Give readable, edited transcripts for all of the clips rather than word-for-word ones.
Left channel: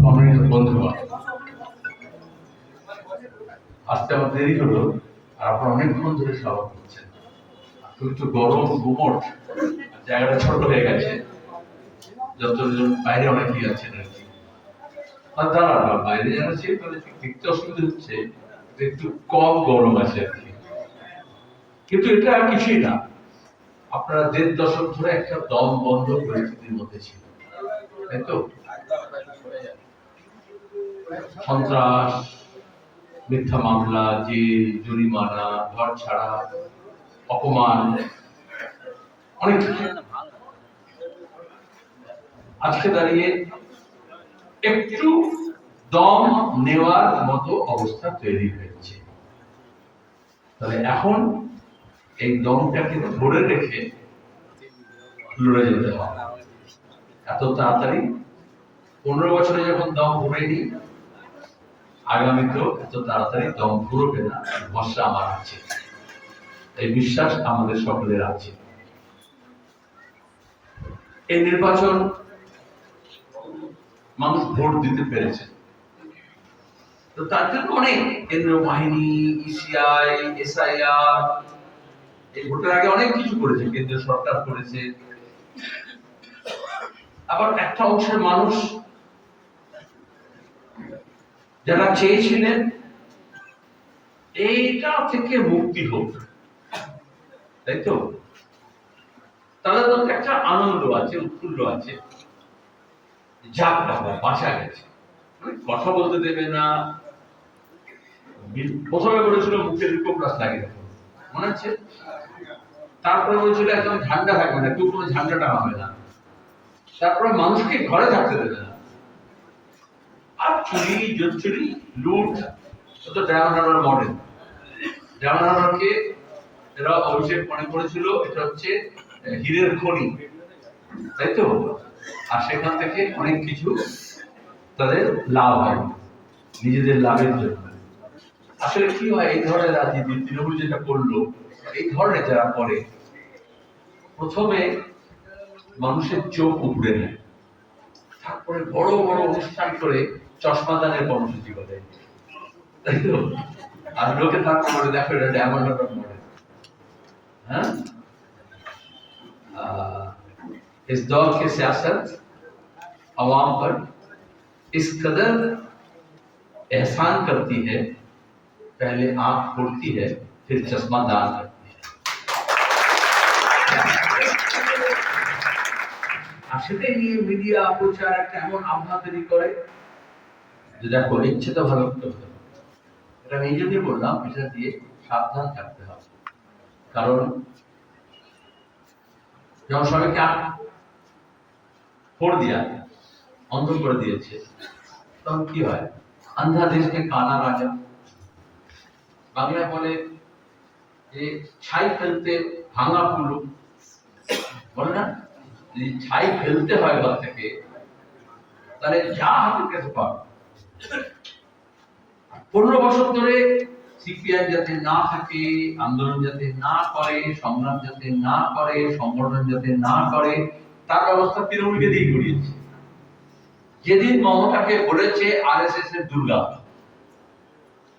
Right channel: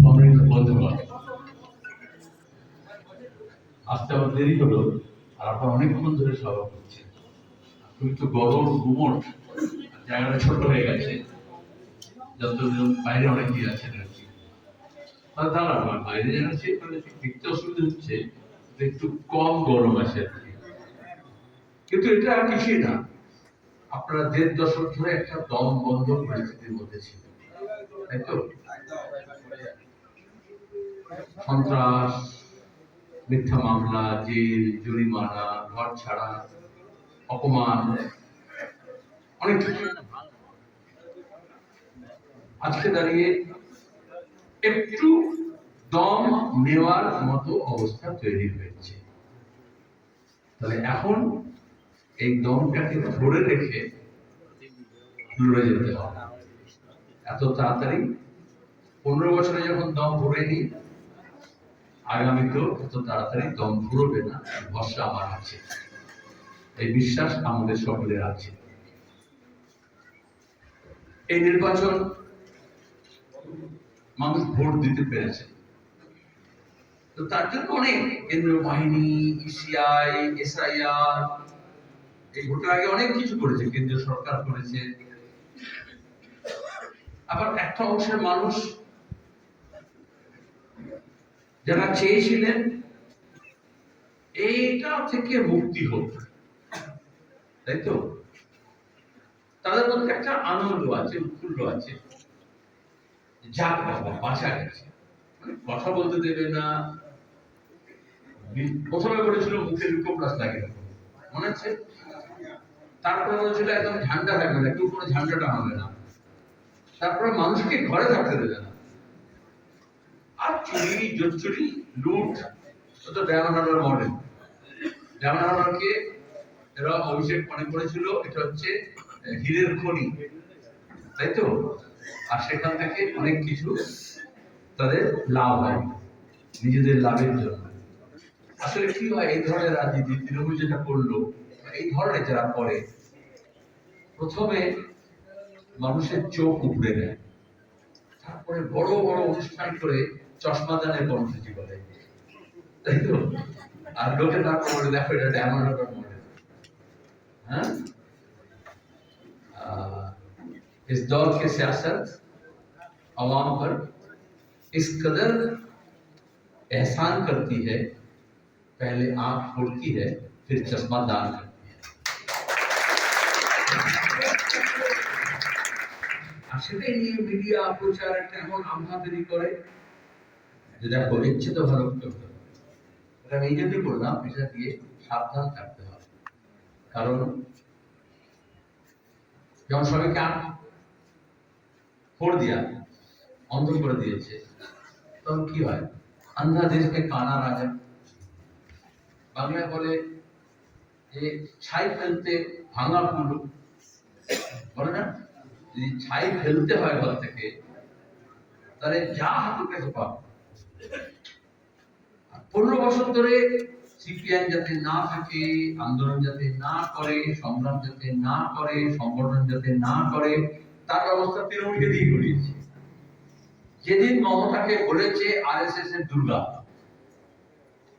সম্মানিত বন্ধুগণ, আসতে আমার দেরি হলো আর আপনারা অনেকক্ষণ ধরে সভা করছেন। তুমি তো গরম গুমট, জায়গাটা ছোট হয়ে গেছে, যতজন বাইরে অনেকেই আছেন আর কি। আর দাঁড়া বাইরে যারা আছে তাদের দেখতে অসুবিধা হচ্ছে, একটু কম গরম আছে আর কি। কিন্তু এটা আর কিছুই না, আপনারা ১.৫ দশক ধরে একটা দম বন্ধ পরিস্থিতির মধ্যে ছিল, তাই তো? সন্ত্রাস, মিথ্যা মামলা, জেল, জরিমানা, ঘর ছাড়া, অপমান, অনেক কিছু। আজকে দাঁড়িয়ে একটু দম নেওয়ার মতো অবস্থা তৈরি হয়েছে। তাহলে এখন এই দমটাকে ধরে রেখে লড়ে যেতে হবে। এত তাড়াতাড়ি ১৫ বছরে যখন দম ঘুরেনি, আগামীতেও এত তাড়াতাড়ি দম ঘুরবে না, ভরসা আমার আছে। এই বিশ্বাস আমাদের সকলের আছে। এই নির্বাচন মানুষ ভোট দিতে পেরেছে, তো তার জন্য অনেক কেন্দ্রীয় বাহিনী, ইসিআই, এসআইআর, এই ভোটের আগে অনেক কিছু করেছে, কেন্দ্রীয় সরকার করেছে। আবার একটা অংশের মানুষ যারা চেয়েছিলেন এইটা থেকে মুক্তি হোক, তাই তো? তাদের মধ্যে একটা আনন্দ আছে, উৎফুল্ল আছে, যাক বাবা বাঁচা গেছে। কথা বলতে দেবে না, প্রথমে বলেছিল মুখে রিকোপ্লাস লাগিয়ে দেবো, মনে হচ্ছে? তারপরে বলেছিল একদম ঝান্ডা থাকবে না, কেউ কোনো ঝান্ডা টাঙাবে না। তারপরে মানুষকে ঘরে থাকতে দেবে না। আর চুরি, জোচ্চুরি, লুট, তো ডায়মন্ড মডেল। ডায়মন্ড এরা অভিষেক মনে করেছিল এটা হচ্ছে হীরের খনি, তাই তো? আর সেখান থেকে অনেক কিছু তাদের লাভ হয় নিজেদের লাভের জন্য। আসলে কি হয় এই ধরনের রাজনীতি, তৃণমূল যেটা করলো, এই ধরনের যারা করে, প্রথমে মানুষের চোখ উপড়ে নেয়, তারপরে বড় বড় অনুষ্ঠান করে চশমা দানের কর্মসূচি করে, তাই তো? আর লোকে তারপরে দেখো এটা ডায়মন্ড মডেল। हाँ? इस दौर की सियासत अवाम पर इस कदर एहसान करती है, पहले आंख फोड़ती है फिर चश्मा दान करती है। আসলে নিয়ে মিডিয়া প্রচার একটা এমন আবহাওয়া তৈরি করে যে দেখো ইচ্ছে তো ভালো করতে হবে। এটা নিজেকে বললাম, এটা দিয়ে সাবধান থাকতে হবে। কারণ যেমন সবাইকে फोड़ दिया, অন্ধ করে দিয়েছে, তখন কি হয়? আন্ধা দেশকে কানা রাজা। বাংলায় বলে যে ছাই ফেলতে ভাঙা পুলু, বলে না? যদি ছাই ফেলতে হয় ঘর থেকে, তাহলে যা হাতের কাছে পাবে। ১৫ বছর ধরে সিপিআই যাতে না থাকে, আন্দোলন যাতে না করে, সংগ্রাম যাতে না করে, সংগঠন যাতে না করে, তার ব্যবস্থা তৃণমূলকে দিয়ে করিয়েছে। যেদিন মমতাকে বলেছে আরএসএস এর দুর্গা,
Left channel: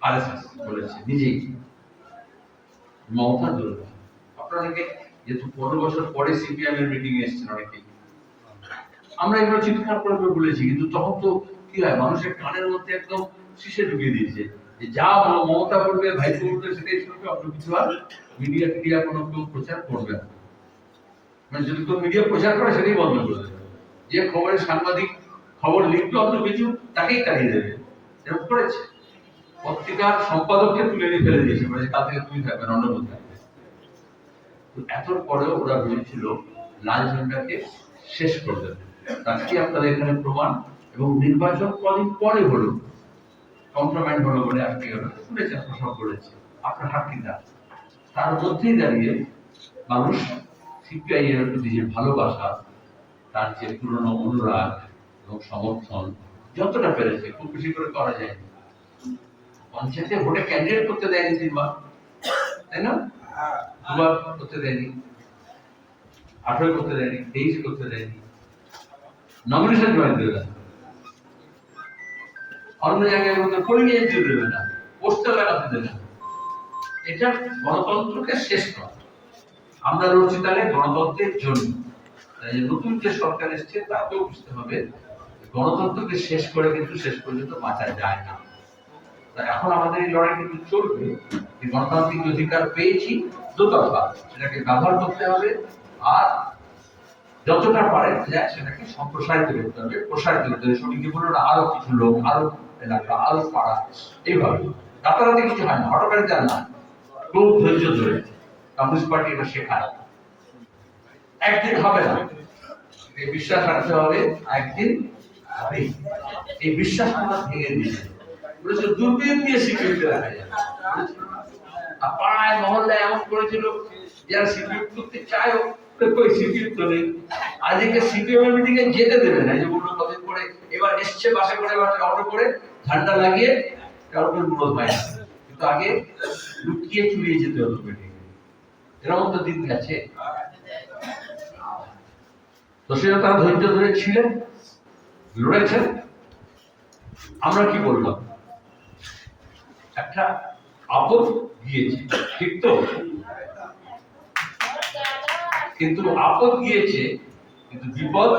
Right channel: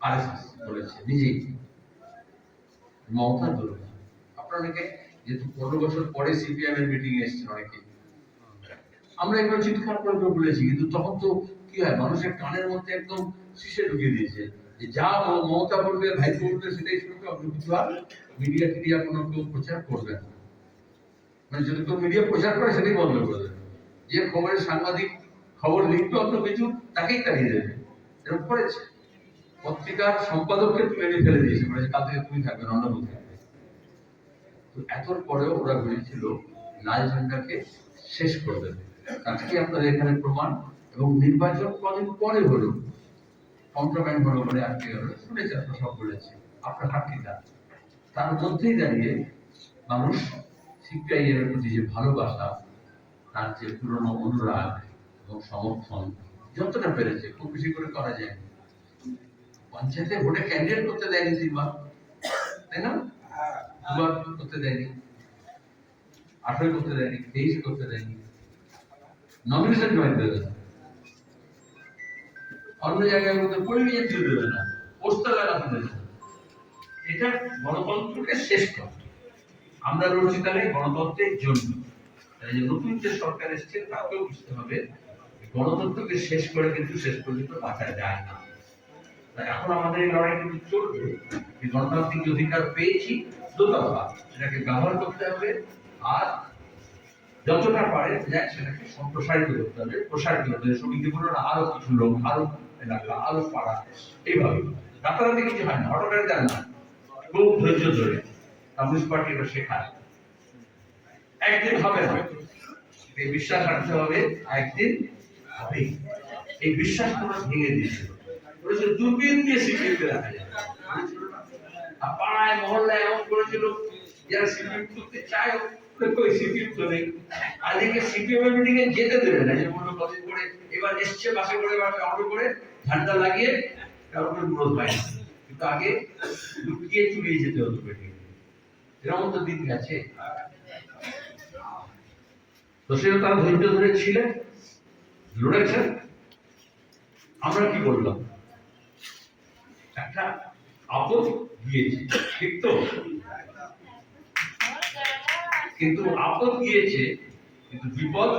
আরএসএস বলেছে নিজেই মমতা দুর্গা। আপনারা অনেকে যেহেতু ১৫ বছর পরে সিপিএম এর মিটিং এসেছেন অনেকেই, আমরা এগুলো চিৎকার করে বলেছি, কিন্তু তখন তো কি হয়, মানুষের কানের মধ্যে একদম শিশে ঢুকিয়ে দিয়েছে যে যা মমতা বলবে, ভাইপো বলবে সেটাই শুনবে, অন্য কিছু আর মিডিয়া টিডিয়া কোনো কেউ প্রচার করবে না। মানে যদি কেউ মিডিয়া প্রচার করে সেটাই বন্ধ করে দেবে, যে খবরের সাংবাদিক খবর লিখবে অন্য কিছু তাকেই তাড়িয়ে দেবে, এরকম করেছে। পত্রিকার সম্পাদককে তুলে নিয়ে ফেলে দিয়েছে, বলেছে কাল থেকে তুমি থাকবে, অন্য কেউ থাকবে। এত পরেও ওরা ভেবেছিল লাল ঝান্ডাকে শেষ করে দেবে। আজকে আপনাদের এখানে প্রমাণ, এবং নির্বাচন কদিন পরে হলো, কম্প্রোমাইজ হলো বলে আজকে শুনেছেন, সব করেছে আপনার হাকিটা। তার মধ্যেই দাঁড়িয়ে মানুষ সিপিআই এর প্রতি যে ভালোবাসা, তার যে পুরনো অনুরাগ এবং সমর্থন যতটা পেরেছে, খুব বেশি করে করা যায়। পঞ্চায়েতে ভোটে ক্যান্ডিডেট করতে দেয়নি ৩ বার, তাই না? ২ বার করতে দেয়নি, ১৮ করতে দেয়নি, ২৩ করতে দেয়নি, নমিনেশন জমা দিতে দেয়। অন্য জায়গায় মধ্যে পরিণিয়ে দিয়ে দেবে না, পোস্টার লাগাতে দেবে না। এটা গণতন্ত্রকে শেষ করা। আমরা লড়ছি তাহলে গণতন্ত্রের জন্য। তাই নতুন যে সরকার এসছে তাকেও বুঝতে হবে গণতন্ত্রকে শেষ করে কিন্তু শেষ পর্যন্ত বাঁচা যায় না। তাই এখন আমাদের এই লড়াই কিন্তু চলবে। এই গণতান্ত্রিক অধিকার পেয়েছি দুতরফা, সেটাকে ব্যবহার করতে হবে আর যতটা পারে যায় সেটাকে সম্প্রসারিত করতে হবে, প্রসারিত করতে হবে। সঙ্গী বলল আরো কিছু লোক, আরো এলাকা, আরো পাড়া, এইভাবে রাতারাতি কিছু হয় না, হঠাৎ আর না, খুব ধৈর্য ধরে কমিউনিস্ট পার্টি এটা শেখায়। একদিন হবে না, এই বিশ্বাস রাখতে হবে একদিন হবে। এই বিশ্বাস আমরা ভেঙে দিয়েছিল, বলেছিল দূরবীন দিয়ে সিকিউরিটি রাখা যায়, আর পাড়ায় মহল্লায় এমন করেছিল যারা সিকিউরিটি করতে চায় কই সিকিউরিটি তো নেই। আজকে সিপিএম মিটিং এ যেতে দেবে না, যে বললো কদিন পরে এবার এসছে বাসে করে বা অটো করে ঝান্ডা লাগিয়ে কারোর বিরোধ হয় না, কিন্তু আগে লুকিয়ে চুরিয়ে যেতে হতো মিটিং। এরকম তো দিন গেছে। তো সেটা তারা ধৈর্য ধরে ছিলেন, লড়েছেন। আমরা কি বললাম, একটা আপদ গিয়েছে, ঠিক তো? কিন্তু আপদ গিয়েছে, কিন্তু বিপদ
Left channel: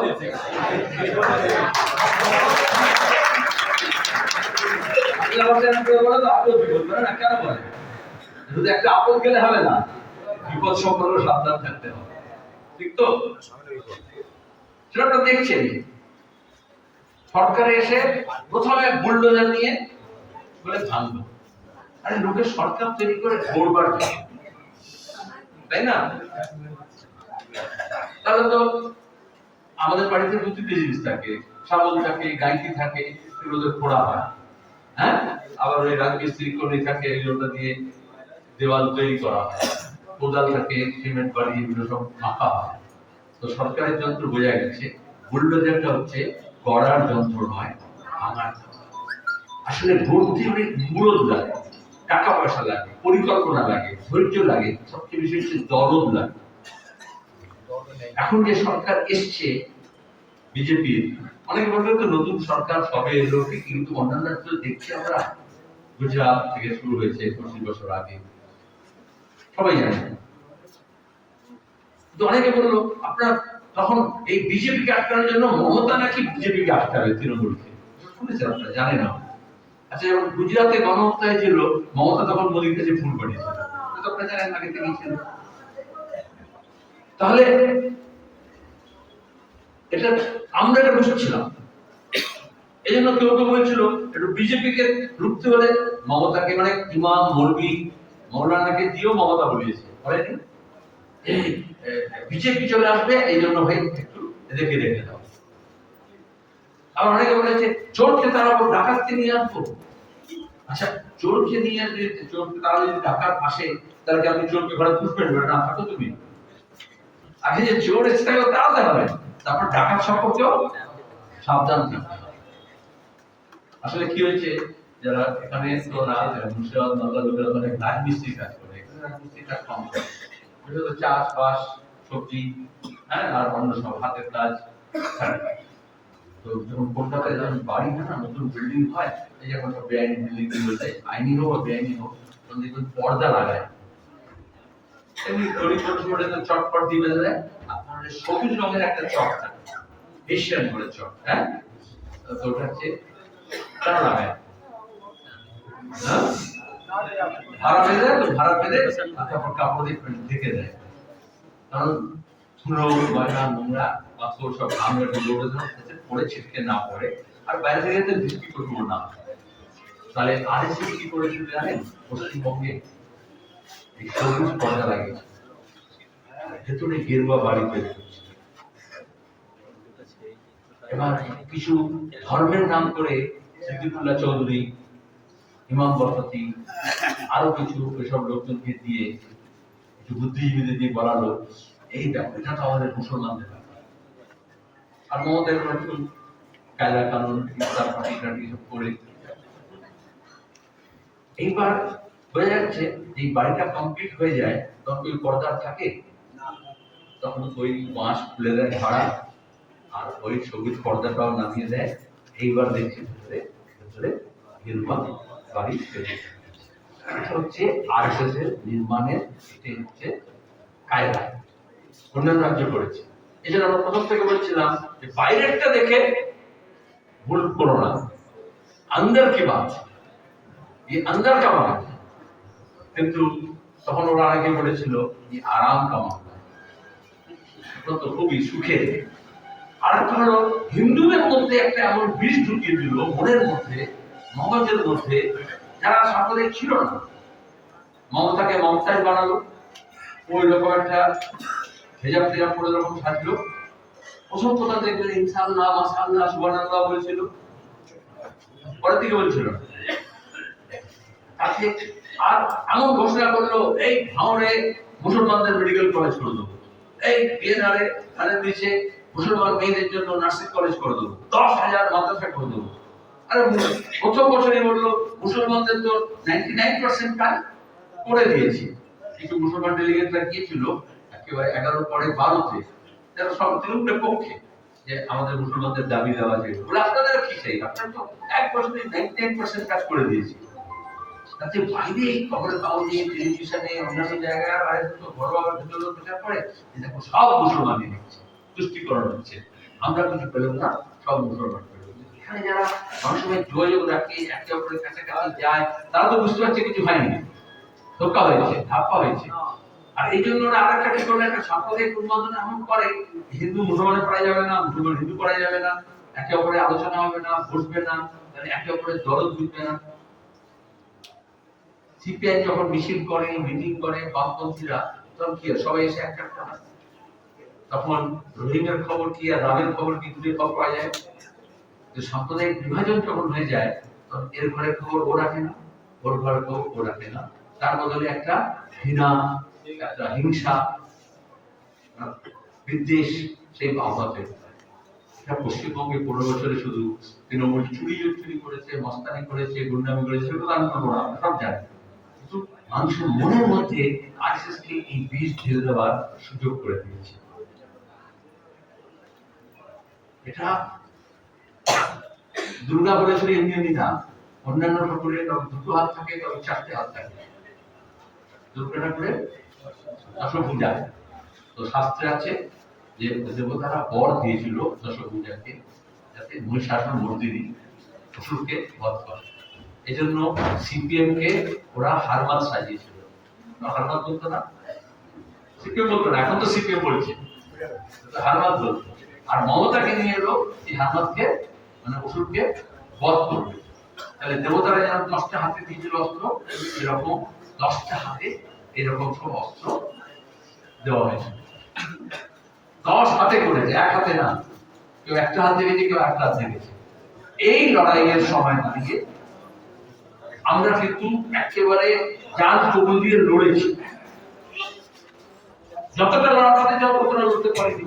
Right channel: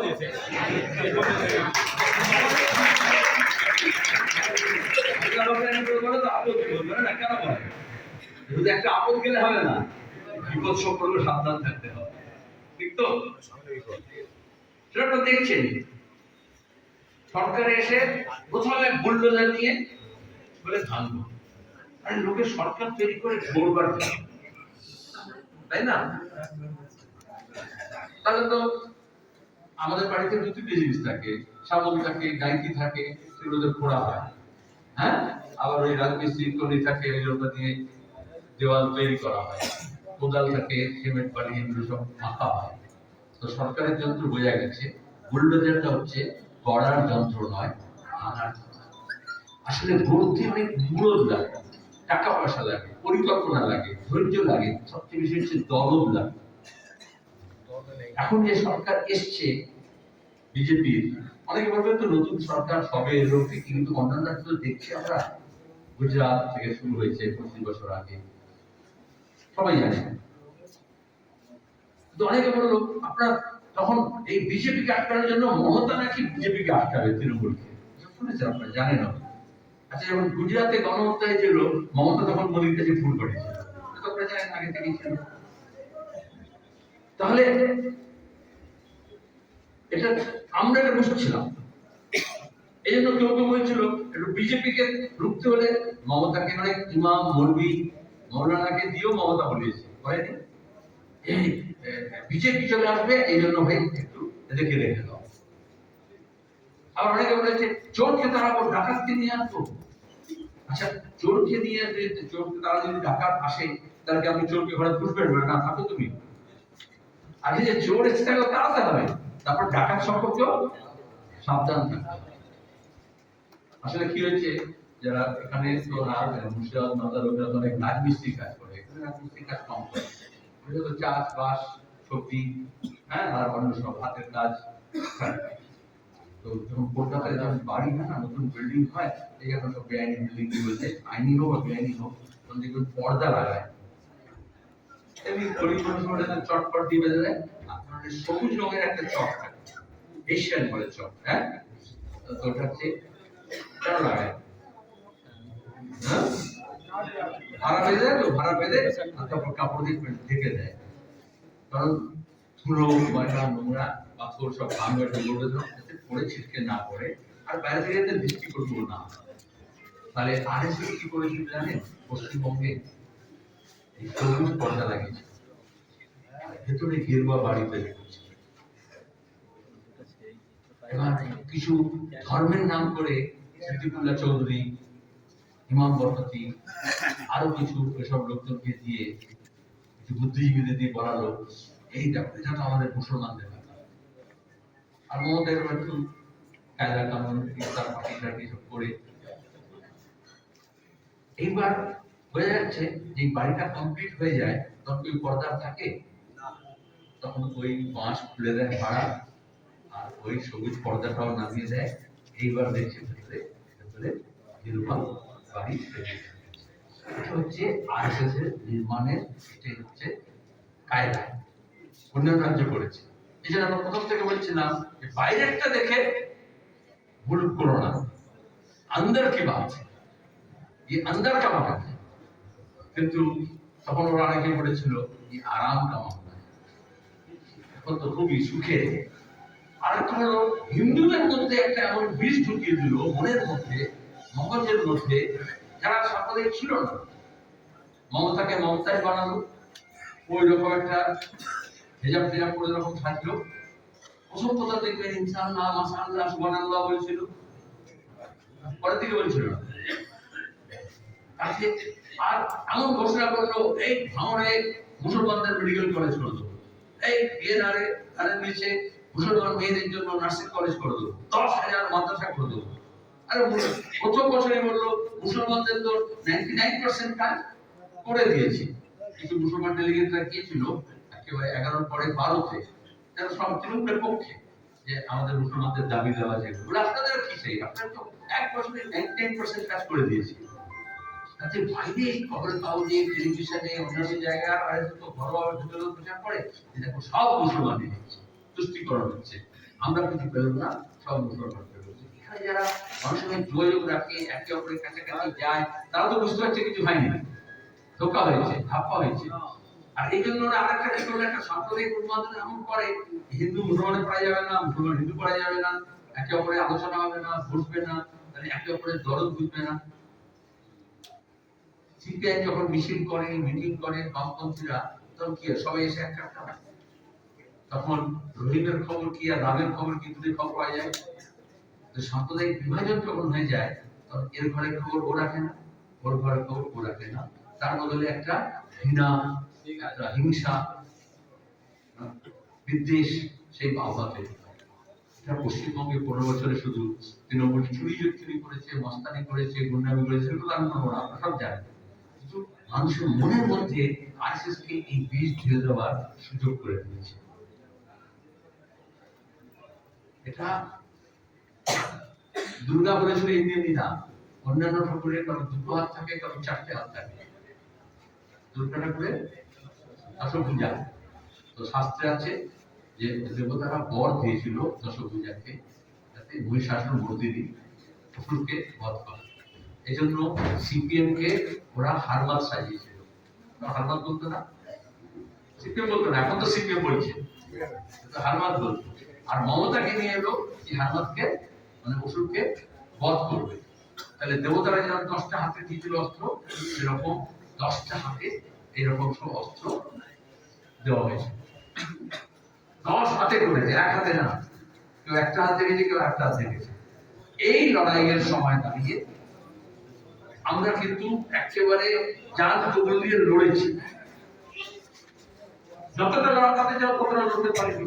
যদি একটা আপদ গেলে হবে না, বিপদ সম্পর্কে সাবধান থাকতে হবে, ঠিক তো? সেটা দেখছেন সরকারে এসে প্রথমে বুলডোজার নিয়ে বলে ভাঙবো। আরে লোকের সরকার তৈরি করে গড়বার, তাই না? তাহলে তো আমাদের বাড়িতে দু তিনটে জিনিস থাকে, শাবল থাকে, গাইতি থাকে, সেগুলোতে ফোড়া হয়, হ্যাঁ, আবার ওই রাজমিস্ত্রি কর্মী থাকে, ওটা দিয়ে দেওয়াল তৈরি করা হয়, কোদাল থাকে, সিমেন্ট বাড়ি, এগুলো সব মাখা হয়। তো সরকারের যন্ত্র বোঝা গেছে, বুলডোজারটা হচ্ছে গড়ার যন্ত্র নয়, ভাঙার যন্ত্র। আসলে ভর্তি অনেক মূলদ লাগে, টাকা পয়সা লাগে, পরিকল্পনা লাগে, ধৈর্য লাগে, সবচেয়ে বেশি হচ্ছে দরদ লাগে। এখন যে সরকার এসছে বিজেপির, অনেক ভাবে তো নতুন সরকার সবে এলো, কিন্তু অন্যান্য দেখছি আমরা গুজরাট থেকে শুরু হয়েছে 25 বছর আগে, সবাই জানে। তো অনেকে বললো আপনার তখন এই বিজেপিকে আটকানোর জন্য মমতা নাকি বিজেপিকে আটকাবে তৃণমূলকে, শুনেছেন আপনারা? জানেন না? আচ্ছা, যখন গুজরাটে গণহত্যা হয়েছিল মমতা তখন মোদীর কাছে ফোন করেছিল, এটা আপনারা জানেন, আগে থেকেই ছিল। তাহলে এটা আমরা এটা বুঝছিলাম। এই জন্য কেউ কেউ বলছিল একটু বিজেপিকে রুখতে হলে মমতাকে, মানে ইমাম মৌলবি মৌলানাকে দিয়েও মমতা বলিয়েছে, বলেনি এই বিজেপি চলে আসবে, এই জন্য ভাই একটু দেখে রেখে দাও। আবার অনেকে বলেছে চোরকে তারা ডাকাতকে নিয়ে আসবো। আচ্ছা, চোরকে নিয়ে আসবে, চোরকে তারা যদি ঢাকার পাশে, তাহলে কি আপনি চোরকে ঘরে পুষবেন? না, থাকো তুমি। আগে যে চোর এসে থাকবে তাড়াতে হবে, তারপর ডাকাত সম্পর্কেও সাবধান থাকতে হবে। আসলে কি হয়েছে, যারা এখানে তো না মুর্শিদাবাদ মালদা লোকেরা অনেক রাজমিস্ত্রি কাজ করে, এখানে রাজমিস্ত্রি কাজ কম করে, বিশেষত চাষবাস, সবজি, হ্যাঁ, আর অন্য সব হাতের কাজ। তো যখন কলকাতায় যখন বাড়ি হয় না, নতুন বিল্ডিং হয়, এই এখন সব বেআইনি বিল্ডিং হয়েছে, আইনি হোক বা বেআইনি হোক, তখন দেখবেন পর্দা লাগায়, এমনি গরিব মানুষ ওটা চটপট দিয়ে দেয়, আপনার সবুজ রঙের একটা চট থাকে, এশিয়ান বলে চট, হ্যাঁ, তো ওটা হচ্ছে কেন লাগায়, ভাড়া বেঁধে, তো ভাড়া বেঁধে তারপর কাপড় দিয়ে ঢেকে দেয়, কারণ ধুলো ময়লা নোংরা পাথর সব আমরা লোডে পড়ে ছিটকে না পড়ে, আর বাইরে থেকে বৃষ্টি করবো না। তাহলে আরএসএস কি করেছিল জানেন? পশ্চিমবঙ্গে এই সবুজ পর্দা লাগিয়েছে, ভেতরে গেরুয়া বাড়ি তৈরি করছে। এবার কিছু ধর্মের নাম করে সিদ্দিকুল্লাহ চৌধুরী, ইমাম বরকতি, আরো কিছু এসব লোকজনকে দিয়ে, কিছু বুদ্ধিজীবীদের দিয়ে বলালো এইটা, এটা তো আমাদের মুসলমানদের ব্যাপার। আর মমতার একটু কায়দা কানুন ইসলাম পার্টি সব করে এইবার হয়ে যাচ্ছে, যে বাড়িটা কমপ্লিট হয়ে যায়, তখন ওই পর্দা থাকে, তখন ওই বাঁশ খুলে দেয় ভাড়া, আর ওই সবুজ পর্দাটাও নামিয়ে দেয়। এইবার দেখছে ভেতরে ভেতরে নির্মাণ বাড়ি তৈরি এটা হচ্ছে আরএসএস এর নির্মাণের এটাই হচ্ছে কায়দা অন্যান্য রাজ্য করেছে। এই জন্য আমরা প্রথম থেকে বলছিলাম যে বাইরেরটা দেখে ভুল করো না, अंदर की बात ये अंदर का मामला है। কিন্তু তখন ওরা আগে বলেছিল যে আরাম का मामला है, তো খুবই সুখে। আর একটা হলো হিন্দুদের মধ্যে একটা এমন বিষ ঢুকিয়ে দিল মনের মধ্যে, মগজের মধ্যে, যারা সাম্প্রদায়িক ছিল না। মমতাকে মমতাই বানালো, ওই রকম একটা হেজাব টেজাব করে রকম থাকলো। প্রথম কথা দেখবেন ইনশাআল্লাহ মাশাআল্লাহ সুবহানাল্লাহ বলছিল, পরের দিকে বলছিল তাকে। আর এমন ঘোষণা করলো এই ভাঙড়ে মুসলমানদের মেডিকেল কলেজ করে দেবো, এই বিএনআরে তাদের নিচে মুসলমান মেয়েদের জন্য নার্সিং কলেজ করে দেবো, 10,000 মাদ্রাসা করে দেবো। আরে প্রথম বছরই বললো মুসলমানদের তো 99% কাজ করে দিয়েছি। কিছু মুসলমান ডেলিগেটরা গিয়েছিল একেবারে 11 পরে 12তে, যারা সব তৃণমূলের পক্ষে, যে আমাদের মুসলমানদের দাবি দেওয়া যায় বলে আপনাদের কি চাই, আপনারা তো এক বছরে 99% কাজ করে দিয়েছি। তাতে বাইরে খবরের কাগজে টেলিভিশনে অন্যান্য জায়গায় আর তো বড়ভাবে ভিতরে প্রচার করে যে দেখো সব মুসলমানই হচ্ছে, তুষ্টিকরণ হচ্ছে, আমরা কিছু পেলাম না, সব মুসলমান পেল। এখানে যারা অনেক সময় যোগাযোগ রাখে, একে অপরের কাছাকাছি যায়, তারা তো বুঝতে পারছে কিছু হয়নি, ধোকা হয়েছে, ধাপ্পা হয়েছে। আর এই জন্য ওরা আরেকটা কি করলো, একটা সাম্প্রদায়িক উন্মাদন এমন করে, হিন্দু মুসলমানের পড়া যাবে না, মুসলমান হিন্দু পড়া যাবে না, একে অপরের আলোচনা হবে না, বসবে না, তাহলে একে অপরের দরদ বুঝবে না। সিপিআই যখন মিছিল করে, মিটিং করে বামপন্থীরা, তখন কি সবাই এসে এক একটা হয়। তখন রহিমের খবর কি আর রামের খবর কি দূরে খবর পাওয়া যায়। তো সাম্প্রদায়িক বিভাজন যখন হয়ে যায়, তখন এর ঘরের খবর ও রাখে না, ওর ঘরের খবর ও রাখে না, তার বদলে একটা ঘৃণা, একটা হিংসা, বিদ্বেষ সেই আহ্বান তৈরি হয়। এটা পশ্চিমবঙ্গে 15 বছরে শুধু তৃণমূল চুরি করেছে, মস্তানি করেছে, গুন্ডামি করেছে, সেগুলো আমি বলবো না, আমরা সব জানি। কিন্তু মানুষের মনের মধ্যে আরএসএস কে এই বীজ ঢেলে দেওয়ার সুযোগ করে দিয়েছে। এটা দুর্গা বলেছিল এমনি এমনি না, অন্যান্য ঠাকুরের কারো 2 হাত থাকে, কারো 4টে হাত থাকে। দুর্গা ঠাকুরের দশভুজা, তো শাস্ত্রে আছে যে দেবতারা বর দিয়েছিল দশভুজাকে, যাতে মহিষাসুর মর্দিনী অসুরকে বধ করে। এই জন্য সিপিএম কে ওরা হারমাদ সাজিয়েছিল। হারমাদ বলতো না, সিপিএম বলতো না, এখন তো সিপিএম বলছে, হারমাদ বলতো। আর মমতাকে নিয়ে এলো এই হারমাদকে, মানে অসুরকে বধ করবে। তাহলে দেবতারা যেন 10টা হাতে দিয়েছিল অস্ত্র, এরকম 10টা হাতে এরকম সব অস্ত্র দেওয়া হয়েছে। 10 হাতে করেছে, এক হাতে না, কেউ একটা হাত দেখেছে, কেউ একটা হাত দেখেছে। এই লড়াইয়ের সময় দাঁড়িয়ে আমরা কিন্তু একেবারে জান কবুল দিয়ে লড়েছি। যতটা লড়াতে যাও ততটা লড়তে পারিনি।